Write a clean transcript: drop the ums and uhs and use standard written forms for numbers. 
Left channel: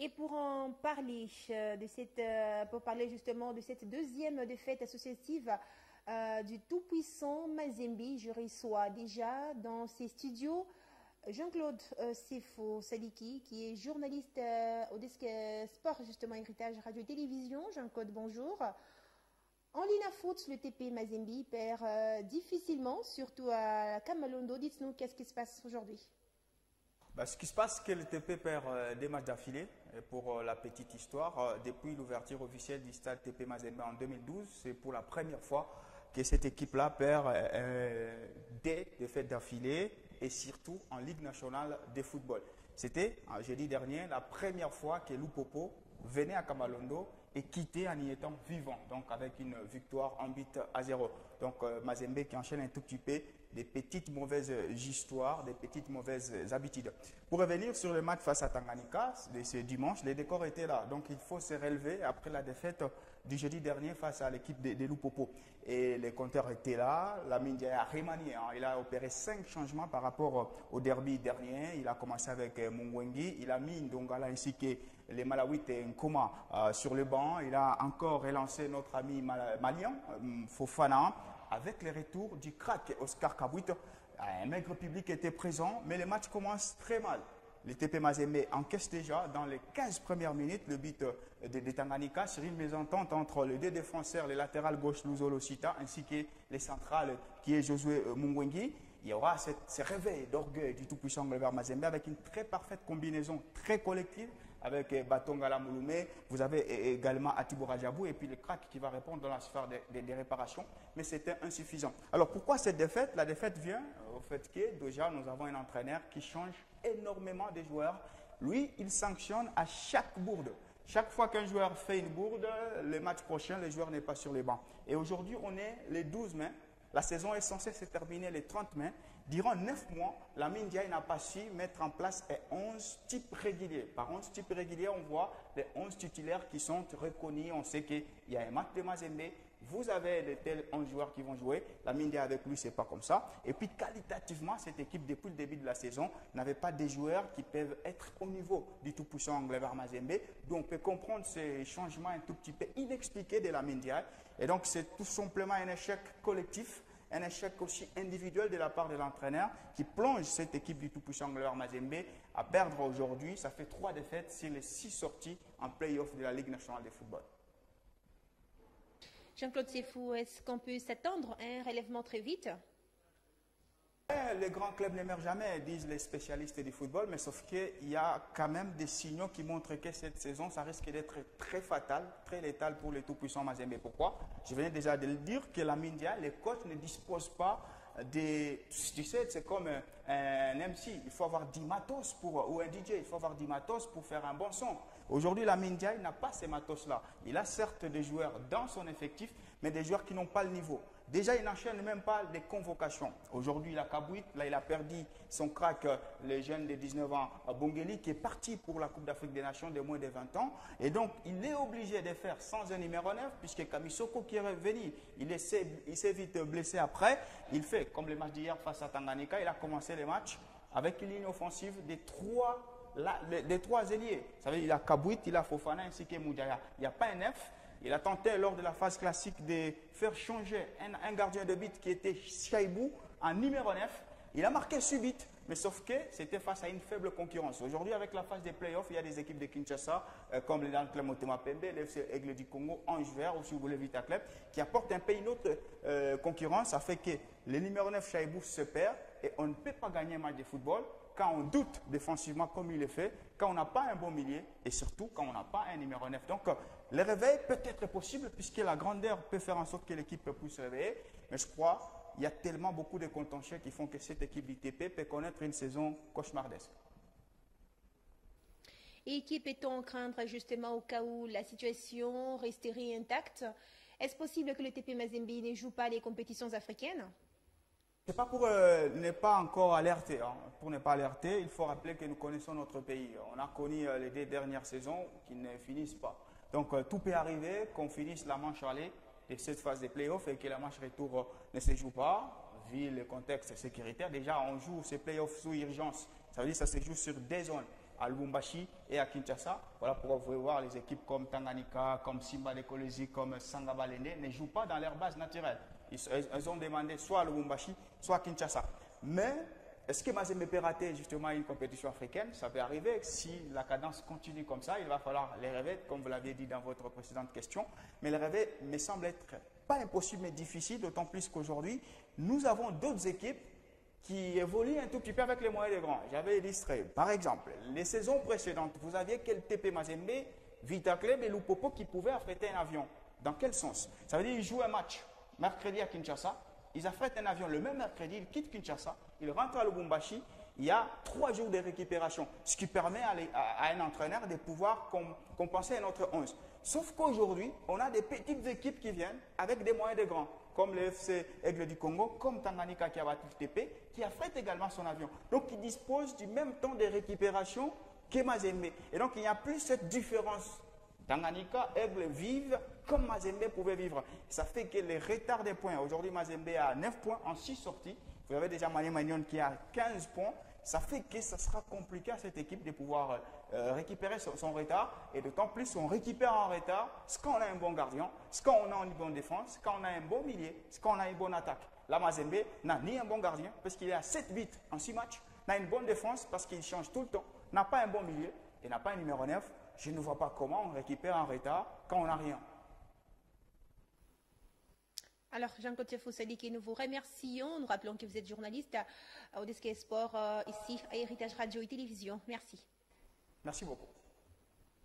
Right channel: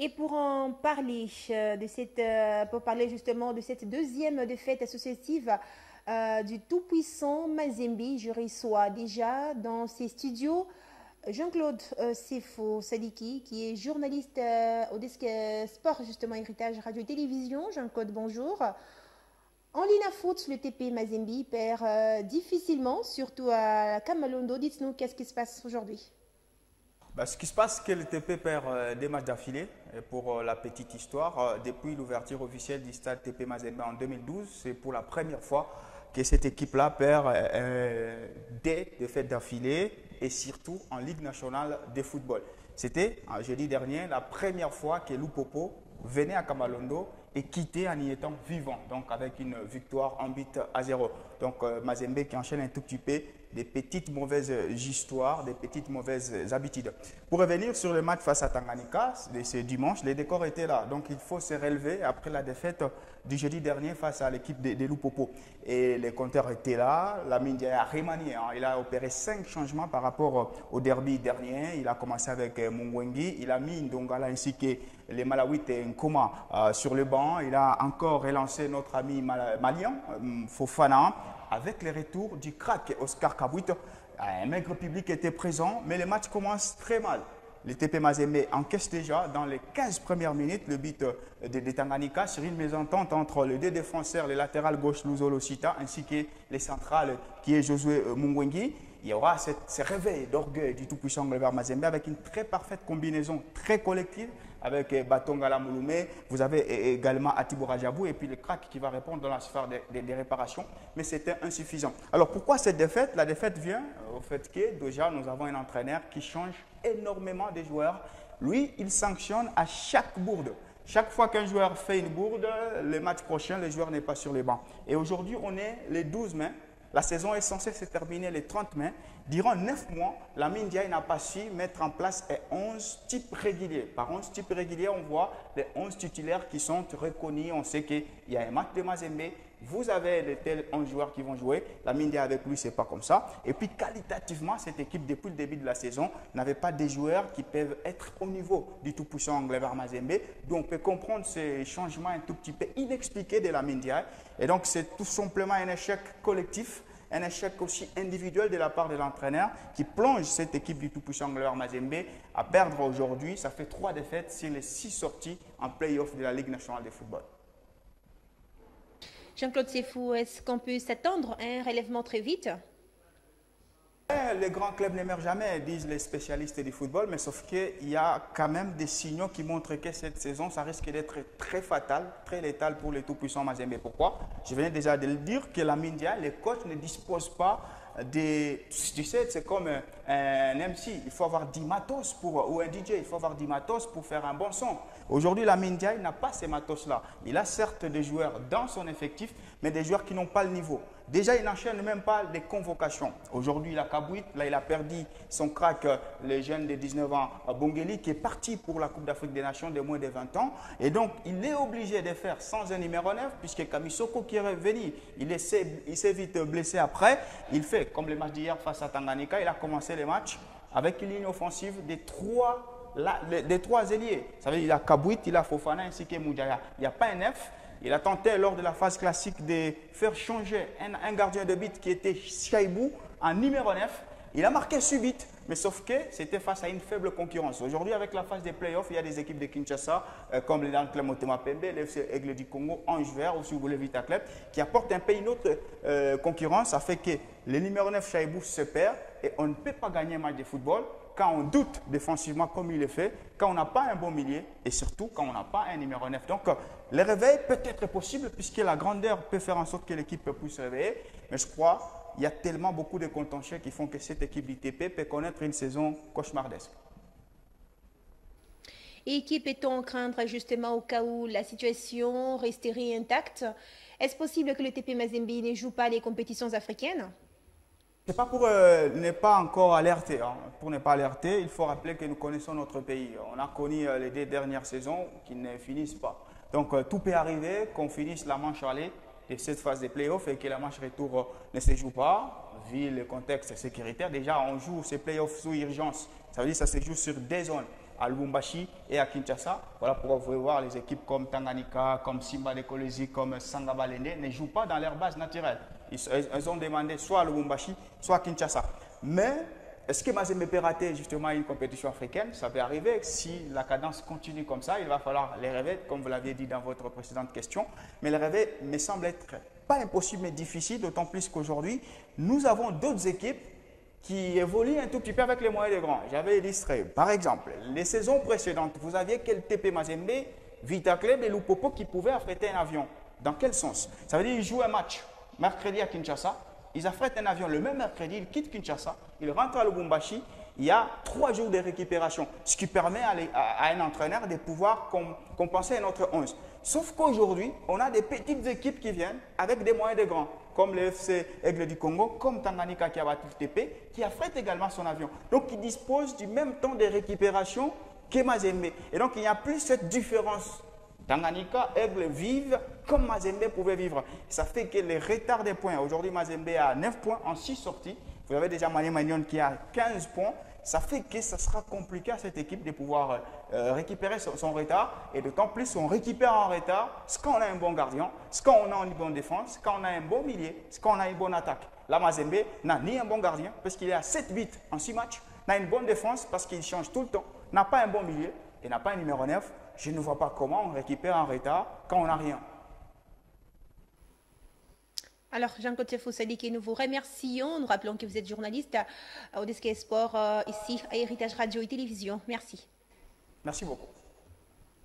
Et pour en parler pour parler justement de cette deuxième défaite associative du tout-puissant Mazembe, je reçois déjà dans ces studios Jean-Claude Sefo Sadiki, qui est journaliste au desk sport justement héritage radio et télévision. Jean-Claude, bonjour. En ligne à foot, le TP Mazembe perd difficilement, surtout à Kamalondo. Dites-nous qu'est-ce qui se passe aujourd'hui. Ce qui se passe, c'est que le TP perd des matchs d'affilée. Et pour la petite histoire, depuis l'ouverture officielle du stade TP Mazembe en 2012, c'est pour la première fois que cette équipe-là perd des défaites d'affilée et surtout en Ligue nationale de football. C'était, jeudi dernier, la première fois que Lupopo venait à Kamalondo et quittait en y étant vivant, donc avec une victoire en but à 0. Donc Mazembe qui enchaîne un tout petit peu des petites mauvaises histoires, des petites mauvaises habitudes. Pour revenir sur le match face à Tanganyika, ce dimanche, les décors étaient là. Donc il faut se relever après la défaite du jeudi dernier face à l'équipe de Lupopo. Et les compteurs étaient là. Lamine Ndiaye a remanié. Il a opéré 5 changements par rapport au derby dernier. Il a commencé avec Mungwengi. Il a mis Ndongala ainsi que les Malawites et Nkoma sur le banc. Il a encore relancé notre ami malien, Fofana, avec le retour du crack Oscar Kabouit. Un maigre public était présent, mais le match commence très mal. Le TP Mazembe encaisse déjà dans les 15 premières minutes le but de Tanganyika sur une mésentente entre les deux défenseurs, le latéral gauche Luzolo Sita ainsi que les centrales qui est Josué Mungwengi. Il y aura ce réveil d'orgueil du tout-puissant Glover Mazembe avec une très parfaite combinaison, très collective avec Batongala Mouloumé. Vous avez également Atibo Rajabou et puis le crack qui va répondre dans la sphère des réparations. Mais c'était insuffisant. Alors pourquoi cette défaite? La défaite vient au fait que déjà nous avons un entraîneur qui change énormément de joueurs. Lui, il sanctionne à chaque bourde. Chaque fois qu'un joueur fait une bourde, le match prochain, le joueur n'est pas sur les bancs. Et aujourd'hui, on est les 12 mai. La saison est censée se terminer le 30 mai. Durant 9 mois, Lamine Ndiaye n'a pas su mettre en place 11 types réguliers. Par 11 types réguliers, on voit les 11 titulaires qui sont reconnus. On sait qu'il y a un match de Mazembe. Vous avez les tels 11 joueurs qui vont jouer. Lamine Ndiaye avec lui, ce n'est pas comme ça. Et puis, qualitativement, cette équipe, depuis le début de la saison, n'avait pas des joueurs qui peuvent être au niveau du tout-puissant Glover Mazembe. Donc, on peut comprendre ces changements un tout petit peu inexpliqués de Lamine Ndiaye. Et donc, c'est tout simplement un échec collectif, un échec aussi individuel de la part de l'entraîneur qui plonge cette équipe du tout-puissant Glover Mazembe à perdre aujourd'hui. Ça fait 3 défaites sur les 6 sorties en play-off de la Ligue nationale de football. Jean-Claude Sefou, est-ce qu'on peut s'attendre à un relèvement très vite? Les grands clubs n'émergent jamais, disent les spécialistes du football, mais sauf qu'il y a quand même des signaux qui montrent que cette saison, ça risque d'être très fatal, très létal pour les tout-puissants Mazembe. Pourquoi? Je venais déjà de le dire que Lamine Ndiaye, les coachs ne disposent pas des... Tu sais, c'est comme un MC, il faut avoir 10 matos ou un DJ, il faut avoir 10 matos pour faire un bon son. Aujourd'hui, Lamine Ndiaye n'a pas ces matos-là. Il a certes des joueurs dans son effectif, mais des joueurs qui n'ont pas le niveau. Déjà, il n'enchaîne même pas les convocations. Aujourd'hui, il a Kabouit, là, il a perdu son crack, le jeune de 19 ans, Bongeli, qui est parti pour la Coupe d'Afrique des Nations de moins de 20 ans. Et donc, il est obligé de faire sans un numéro 9, puisque Kamisoko qui est revenu, il s'est vite blessé après. Il fait, comme le match d'hier face à Tanganyika, il a commencé le match avec une ligne offensive des trois ailiers. Ça veut dire qu'il a Kabouit, il a Fofana ainsi que Moudjaya. Il n'y a pas un F. Il a tenté lors de la phase classique de faire changer un gardien de but qui était Chaibou en numéro 9. Il a marqué subite, mais sauf que c'était face à une faible concurrence. Aujourd'hui, avec la phase des playoffs, il y a des équipes de Kinshasa, comme les Club Motema Pembe, l'FC Aigle du Congo, Ange Vert, ou si vous voulez Vita Club, qui apportent un peu une autre concurrence. Ça fait que le numéro 9 Chaibou se perd et on ne peut pas gagner un match de football quand on doute défensivement comme il le fait, quand on n'a pas un bon milieu et surtout quand on n'a pas un numéro 9. Donc, le réveil peut être possible puisque la grandeur peut faire en sorte que l'équipe puisse se réveiller. Mais je crois qu'il y a tellement beaucoup de contentieux qui font que cette équipe du TP peut connaître une saison cauchemardesque. Et qui peut-on craindre justement au cas où la situation resterait intacte? Est-ce possible que le TP Mazembe ne joue pas les compétitions africaines? Ce n'est pas pour ne pas encore alerter. Pour ne pas alerter, il faut rappeler que nous connaissons notre pays. On a connu les 2 dernières saisons qui ne finissent pas. Donc tout peut arriver, qu'on finisse la manche aller de cette phase de playoffs et que la manche retour ne se joue pas, vu le contexte sécuritaire. Déjà, on joue ces playoffs sous urgence. Ça veut dire que ça se joue sur des zones. à Lubumbashi et à Kinshasa. Voilà pourquoi vous pouvez voir les équipes comme Tanganyika, comme Simba de Kolwezi, comme Sangabalende ne jouent pas dans leur base naturelle. Ils ont demandé soit à Lubumbashi, soit à Kinshasa. Mais est-ce que Mazembe peut rater justement une compétition africaine? Ça peut arriver. Si la cadence continue comme ça, il va falloir les rêver, comme vous l'aviez dit dans votre précédente question. Mais les rêver me semble être pas impossible, mais difficile, d'autant plus qu'aujourd'hui, nous avons d'autres équipes qui évoluent un tout petit peu avec les moyens des grands. J'avais illustré, par exemple, les saisons précédentes, vous aviez quel TP Mazembe, Vita Club et Lupopo qui pouvaient affréter un avion. Dans quel sens? Ça veut dire qu'ils jouent un match mercredi à Kinshasa, ils affrètent un avion le même mercredi, ils quittent Kinshasa, ils rentrent à Lubumbashi, il y a 3 jours de récupération, ce qui permet à un entraîneur de pouvoir compenser notre 11. Sauf qu'aujourd'hui, on a des petites équipes qui viennent avec des moyens de grands, comme le FC Aigle du Congo, comme Tanganyika qui a battu le TP, qui affrète également son avion. Donc, il dispose du même temps de récupération que Mazembe. Et donc, il n'y a plus cette différence. Tanganyika, Aigle vivent comme Mazembe pouvait vivre. Ça fait que les retards des points, aujourd'hui Mazembe a 9 points en 6 sorties. Vous avez déjà Mané Magnon qui a 15 points. Ça fait que ça sera compliqué à cette équipe de pouvoir récupérer son retard. Et d'autant plus, on récupère en retard ce qu'on a un bon gardien, ce qu'on a une bonne défense, quand on a un bon milieu, ce qu'on a une bonne attaque. Là, Mazembe n'a ni un bon gardien parce qu'il est à 7 buts en 6 matchs, n'a une bonne défense parce qu'il change tout le temps, n'a pas un bon milieu et n'a pas un numéro 9. Je ne vois pas comment on récupère en retard quand on n'a rien. Alors, Jean-Claude Foussadiki, nous vous remercions. Nous rappelons que vous êtes journaliste au Desk Sport ici à Héritage Radio et Télévision. Merci. Merci beaucoup.